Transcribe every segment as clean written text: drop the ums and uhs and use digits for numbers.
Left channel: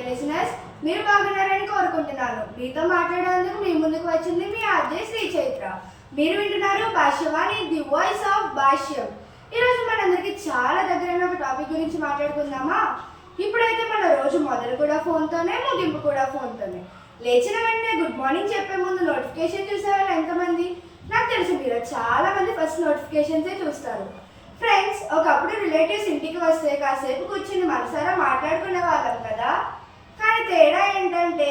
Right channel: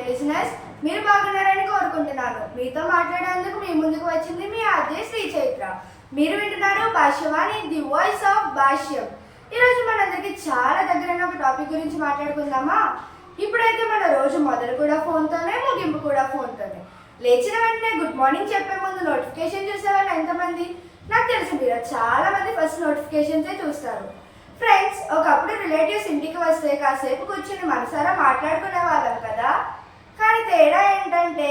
Dear listeners, మీరు బాగున్నారని కోరుకుంటున్నాను. మీతో మాట్లాడేందుకు మీ ముందుకు వచ్చింది మీ ఆర్జే శ్రీ చైత్ర. మీరు వింటున్నారు భాష్యవాణి, ది వాయిస్ ఆఫ్ భాష్యం. ఈరోజు మనందరికీ చాలా దగ్గరైన ఒక టాపిక్ గురించి మాట్లాడుకుందామా? ఇప్పుడైతే మన రోజు మొదలు కూడా ఫోన్తోనే, ముగింపు కూడా ఫోన్తోనే. లేచిన వెంటనే గుడ్ మార్నింగ్ చెప్పే ముందు నోటిఫికేషన్ చూసేవాళ్ళు ఎంతమంది? నాకు తెలిసి మీరు చాలా మంది ఫస్ట్ నోటిఫికేషన్సే చూస్తారు. ఫ్రెండ్స్, ఒకప్పుడు రిలేటివ్స్ ఇంటికి వస్తే కాసేపు కూర్చుని మనసారా మాట్లాడుకునే వాళ్ళం కదా. కానీ తేడా ఏంటంటే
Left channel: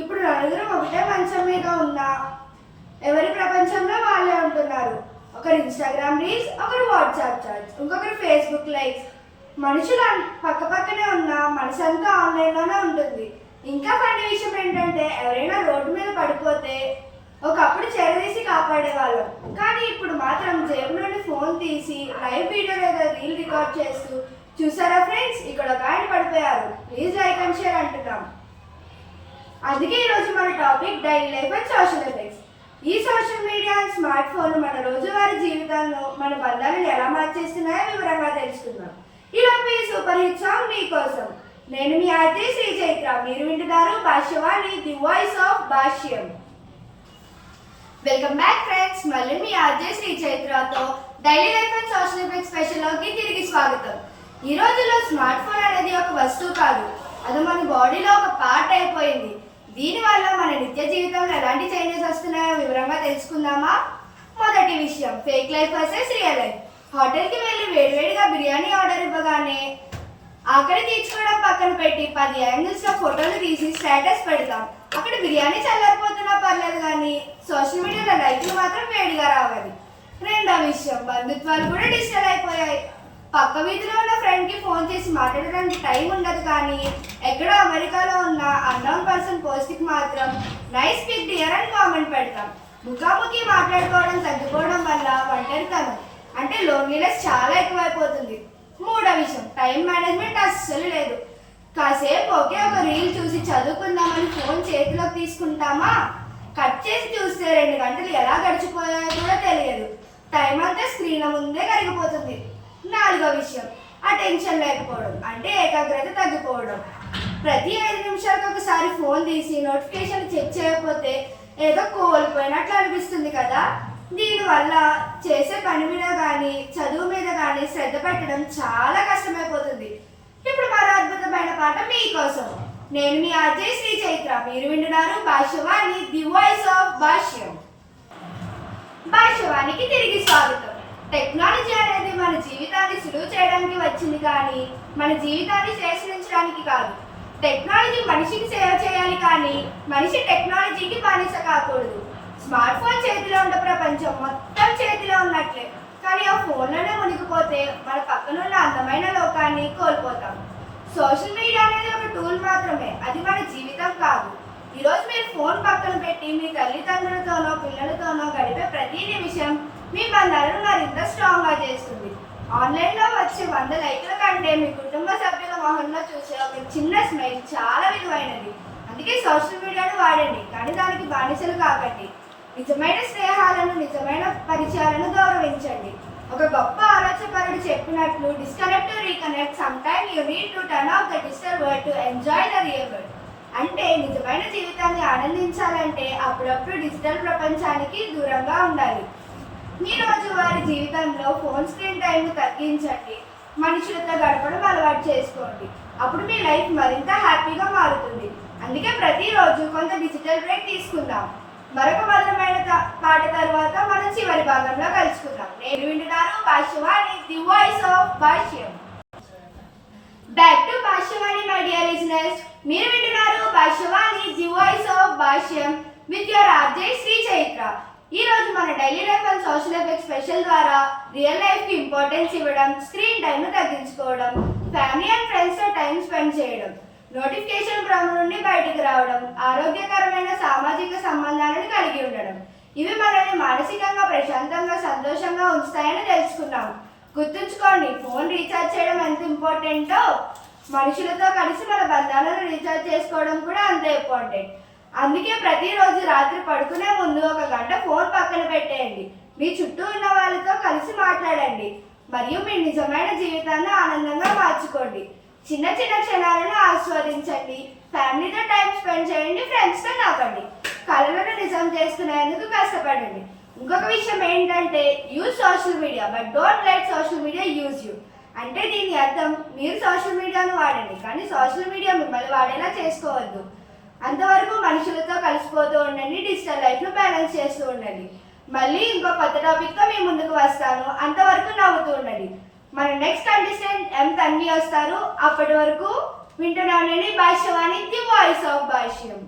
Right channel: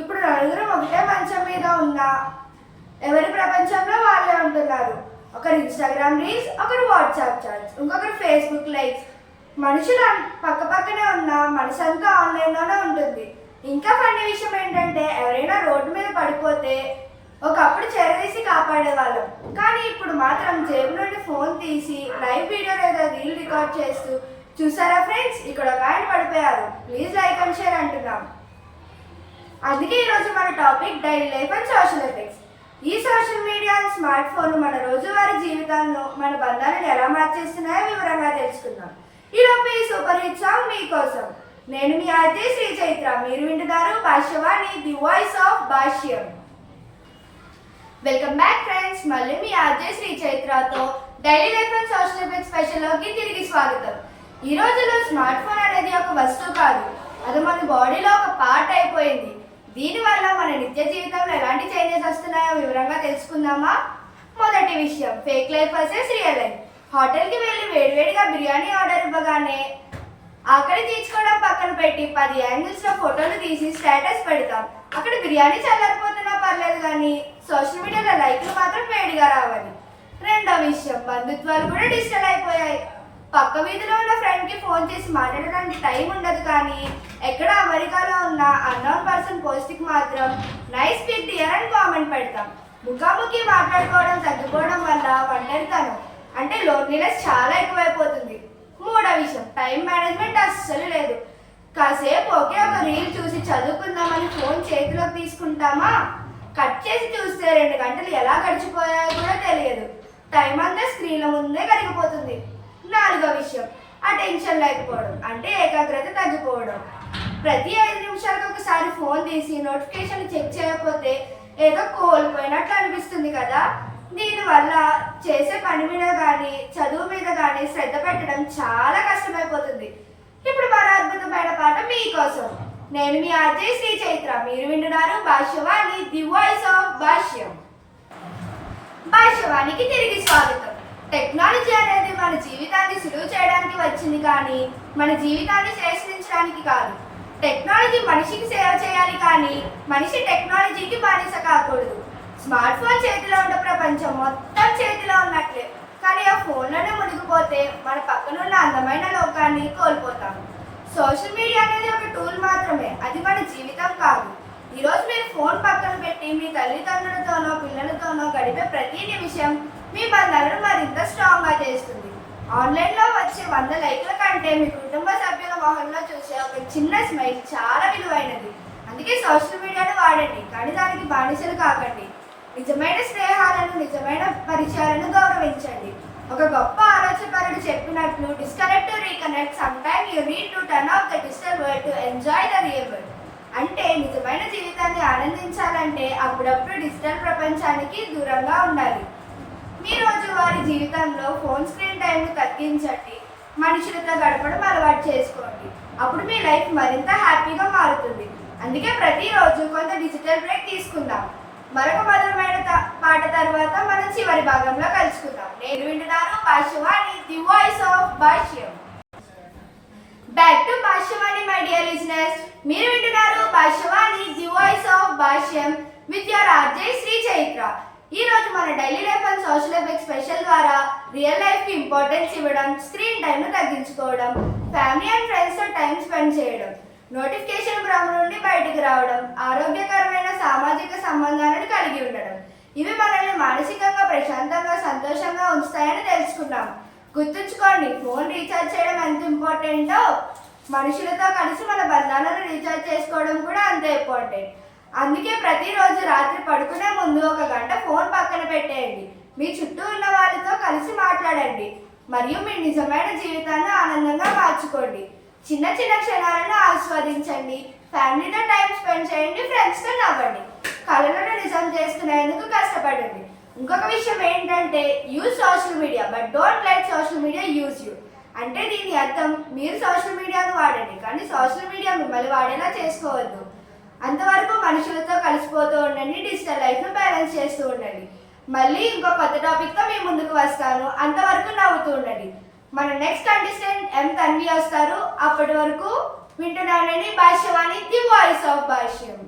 ఇప్పుడు నలుగురం ఒకటే మంచం మీద ఉన్నా ఎవరి ప్రపంచంలో వాళ్ళే ఉంటున్నారు. ఒకరు ఇన్స్టాగ్రామ్ రీల్స్, ఒకరు వాట్సాప్ చాట్స్, ఇంకొకరు ఫేస్బుక్ లైక్స్. మనుషులు పక్క పక్కనే ఉన్నా మనసంతా ఆన్లైన్లోనే ఉంటుంది. ఇంకా ఫన్నీ విషయం ఏంటంటే ఎవరైనా రోడ్డు మీద పడిపోతే ఒకప్పుడు చెరదీసి కాపాడేవాళ్ళం. కానీ ఇప్పుడు మాత్రం జేబు నుండి ఫోన్ తీసి లైవ్ వీడియో లేదా రీల్ రికార్డ్ చేస్తూ, చూసారా ఫ్రెండ్స్, ఇక్కడ ఒక ఆయన పడిపోయారు, ప్లీజ్ లైక్ అండ్ షేర్ అంటున్నాం. అందుకే ఈరోజు మన topic daily life and social effects. ఈ social media and smart phone మన రోజువారీ జీవితాలను, మన బంధాలను ఎలా మార్చేస్తున్నాయో వివరంగా తెలుసుకుందాం. ఈలోపే ఈ సూపర్ హిట్ సాంగ్ మీకోసం. నేను మీ ఆర్జే శ్రీ చైత్ర. మీరు వింటున్నారు Bhashyavani, the voice of Bhashyam. Welcome back friends. మళ్ళీ మీ ఆర్జే శ్రీ చైత్రతో daily life and social effects స్పెషల్లోకి తిరిగి స్వాగతం. ఈ రోజుల్లో స్మార్ట్ ఫోన్ అనేది ఒక వస్తువు కాదు, అది మన బాడీలో ఒక పార్ట్ అయిపోయింది. దీనివల్ల మన నిత్య జీవితంలో ఎలాంటి చేంజెస్ వస్తున్నాయో వివరంగా తెలుసుకుందామా? మొదటి విషయం, fake life versus real life. హోటల్కి వెళ్ళి వేడివేడిగా బిర్యానీ ఆర్డర్ ఇవ్వగానే ఆకలి తీర్చుకోవడం పక్కన పెట్టి 10 యాంగిల్స్లో ఫోటోలు తీసి స్టేటస్ పెడతాం. అక్కడ బిర్యానీ చల్లారిపోతున్నా పర్లేదు, కానీ సోషల్ మీడియాలో లైక్లు మాత్రం వేడిగా రావాలి. రెండో విషయం, బంధుత్వాలు కూడా డిజిటల్ అయిపోయాయి. పక్క వీధిలో ఉన్న ఫ్రెండ్కి ఫోన్ చేసి మాట్లాడడానికి టైం ఉండదు, కానీ ఎక్కడ అమెరికాలో ఉన్న అన్నోన్ పర్సన్ పోస్ట్కి మాత్రం నైస్ పిక్ డియర్ అని కామెంట్ పెడతాం. ముఖాముఖి మాట్లాడుకోవడం తగ్గిపోవడం వల్ల ఒంటరితనం అంటే లోన్లీనెస్ చాలా ఎక్కువైపోతుంది. మూడో విషయం, టైం మేనేజ్మెంట్ అస్సలు లేదు. కాసేపు ఒకే ఒక రీల్ చూసి చదువుకుందామని ఫోన్ చేతిలోకి తీసుకుంటామా, కట్ చేసి చూస్తే 2 గంటలు ఎలా గడిచిపోయాయో కూడా తెలియదు. టైం అంతా స్క్రీన్ల ముందే కరిగిపోతుంది. నాలుగో విషయం, అటెన్షన్ లేకపోవడం అంటే ఏకాగ్రత తగ్గిపోవడం. ప్రతి 5 నిమిషాలకు ఒకసారి ఫోన్ తీసి నోటిఫికేషన్ చెక్ చేయకపోతే ఏదో కోల్పోయినట్లు అనిపిస్తుంది కదా. దీనివల్ల చేసే పని మీద కానీ చదువు మీద కానీ శ్రద్ధ పెట్టడం చాలా కష్టమైపోతుంది. ఇప్పుడు మరో అద్భుతమైన పాట మీకోసం. నేను మీ ఆర్జే శ్రీ చైత్ర. మీరు వింటున్నారు భాష్యవాణి, ది వాయిస్ ఆఫ్ భాష్యం. భాష్యవాణికి తిరిగి స్వాగతం. టెక్నాలజీ అనేది మన జీవితాన్ని సులువు చేయడానికి వచ్చింది, కానీ మన జీవితాన్ని శ్రేష్ఠించడానికి కాదు. టెక్నాలజీ మనిషికి సేవ చేయాలి, కానీ మనిషి టెక్నాలజీకి బానిస కాకూడదు. స్మార్ట్ ఫోన్ చేతిలో ఉన్న ప్రపంచం మొత్తం చేతిలో ఉన్నట్లే, కానీ ఆ ఫోన్లోనే మునిగిపోతే మన పక్కనున్న అందమైన లోకాన్ని కోల్పోతాం. సోషల్ మీడియా అనేది ఒక టూల్ మాత్రమే, అది మన జీవితం కాదు. ఈరోజు మీరు ఫోన్ పక్కన పెట్టి మీ తల్లిదండ్రులతోనో పిల్లలతోనో గడిపే ప్రతి నిమిషం మీ బంధాలను మరింత స్ట్రాంగ్గా చేస్తుంది. ఆన్లైన్లో వచ్చే 100 లైక్ల కంటే మీ కుటుంబ సభ్యుల మొహంలో చూసే ఒక చిన్న స్మైల్ చాలా విలువైనది. అందుకే సోషల్ మీడియాను వాడండి, కానీ దానికి బానిసలు కాకండి. నిజమైన స్నేహాలను, నిజమైన పరిచయాలను గౌరవించండి. ఒక గొప్ప ఆలోచనపరుడు చెప్పినట్లు, disconnect to reconnect, sometime you need to turn off the digital world to enjoy the real world. అంటే నిజమైన జీవితాన్ని ఆనందించాలంటే అప్పుడప్పుడు డిజిటల్ ప్రపంచానికి దూరంగా ఉండాలి. మీ రోజువారీ జీవితంలో ఫోన్ స్క్రీన్ టైంను తగ్గించండి, మనుషులతో గడపడం అలవాటు చేసుకోండి. అప్పుడు మీ లైఫ్ మరింత హ్యాపీగా మారుతుంది. అందుకే ప్రతిరోజు కొంత డిజిటల్ బ్రేక్ తీసుకుందాం. మరొక మధురమైన పాట తర్వాత మనం చివరి భాగంలో కలుసుకుందాం. నేను వింటున్నారు Bhashyavani, the voice of Bhashyam. Back to Bhashyavani my dear listeners. మీరు వింటున్నారు Bhashyavani, the voice of Bhashyam with your RJ Sri Chaitra. ఈ రోజు మన daily life and social effects special ద్వారా రియల్ లైఫ్కి ఇంపార్టెన్స్ ఇవ్వడం, స్క్రీన్ టైంను తగ్గించుకోవడం, ఫ్యామిలీ అండ్ ఫ్రెండ్స్తో టైం స్పెండ్ చేయడం, నోటిఫికేషన్ భ్రమ నుండి బయటకు రావడం, ఆరోగ్యకరమైన సామాజిక సంబంధాలను కలిగి ఉండడం, ఇవి మనల్ని మానసికంగా ప్రశాంతంగా సంతోషంగా ఉంచుతాయని తెలుసుకున్నాం. గుర్తుంచుకోండి, ఫోన్ రీఛార్జ్ చేయడం ఎంత ఇంపార్టెంటో మనుషులతో కలిసి మన బంధాలను రీఛార్జ్ చేసుకోవడం కూడా అంతే ఇంపార్టెంట్. అందుకే ప్రతిరోజు రాత్రి పడుకునే ముందు 1 గంట ఫోన్ పక్కన పెట్టేయండి. మీ చుట్టూ ఉన్న వాళ్ళతో కలిసి మాట్లాడండి మరియు మీ నిజమైన జీవితాన్ని ఆనందంగా మార్చుకోండి. చిన్న చిన్న క్షణాలను ఆస్వాదించండి, ఫ్యామిలీతో టైం స్పెండ్ చేయండి, ఫ్రెండ్స్తో నవ్వండి, కళలను నిజం చేసుకునేందుకు కష్టపడండి. ఇంకొక విషయం ఏంటంటే use social media but don't let social media use you. అంటే దీని అర్థం మీరు సోషల్ మీడియాను వాడండి కానీ సోషల్ మీడియా మిమ్మల్ని వాడేలా చేసుకోవద్దు. అంతవరకు మనుషులతో కలిసిపోతూ ఉండండి, డిజిటల్ లైఫ్ను బ్యాలెన్స్ చేస్తూ ఉండండి. మళ్ళీ ఇంకో కొత్త టాపిక్తో మీ ముందుకు వస్తాను. అంతవరకు నవ్వుతూ ఉండండి. మన నెక్స్ట్ కంటెస్టెంట్ ఎం తన్వి వస్తారు. అప్పటి వరకు వింటున్నానండి భాష్యవాణి, ది వాయిస్ ఆఫ్ భాష్యం.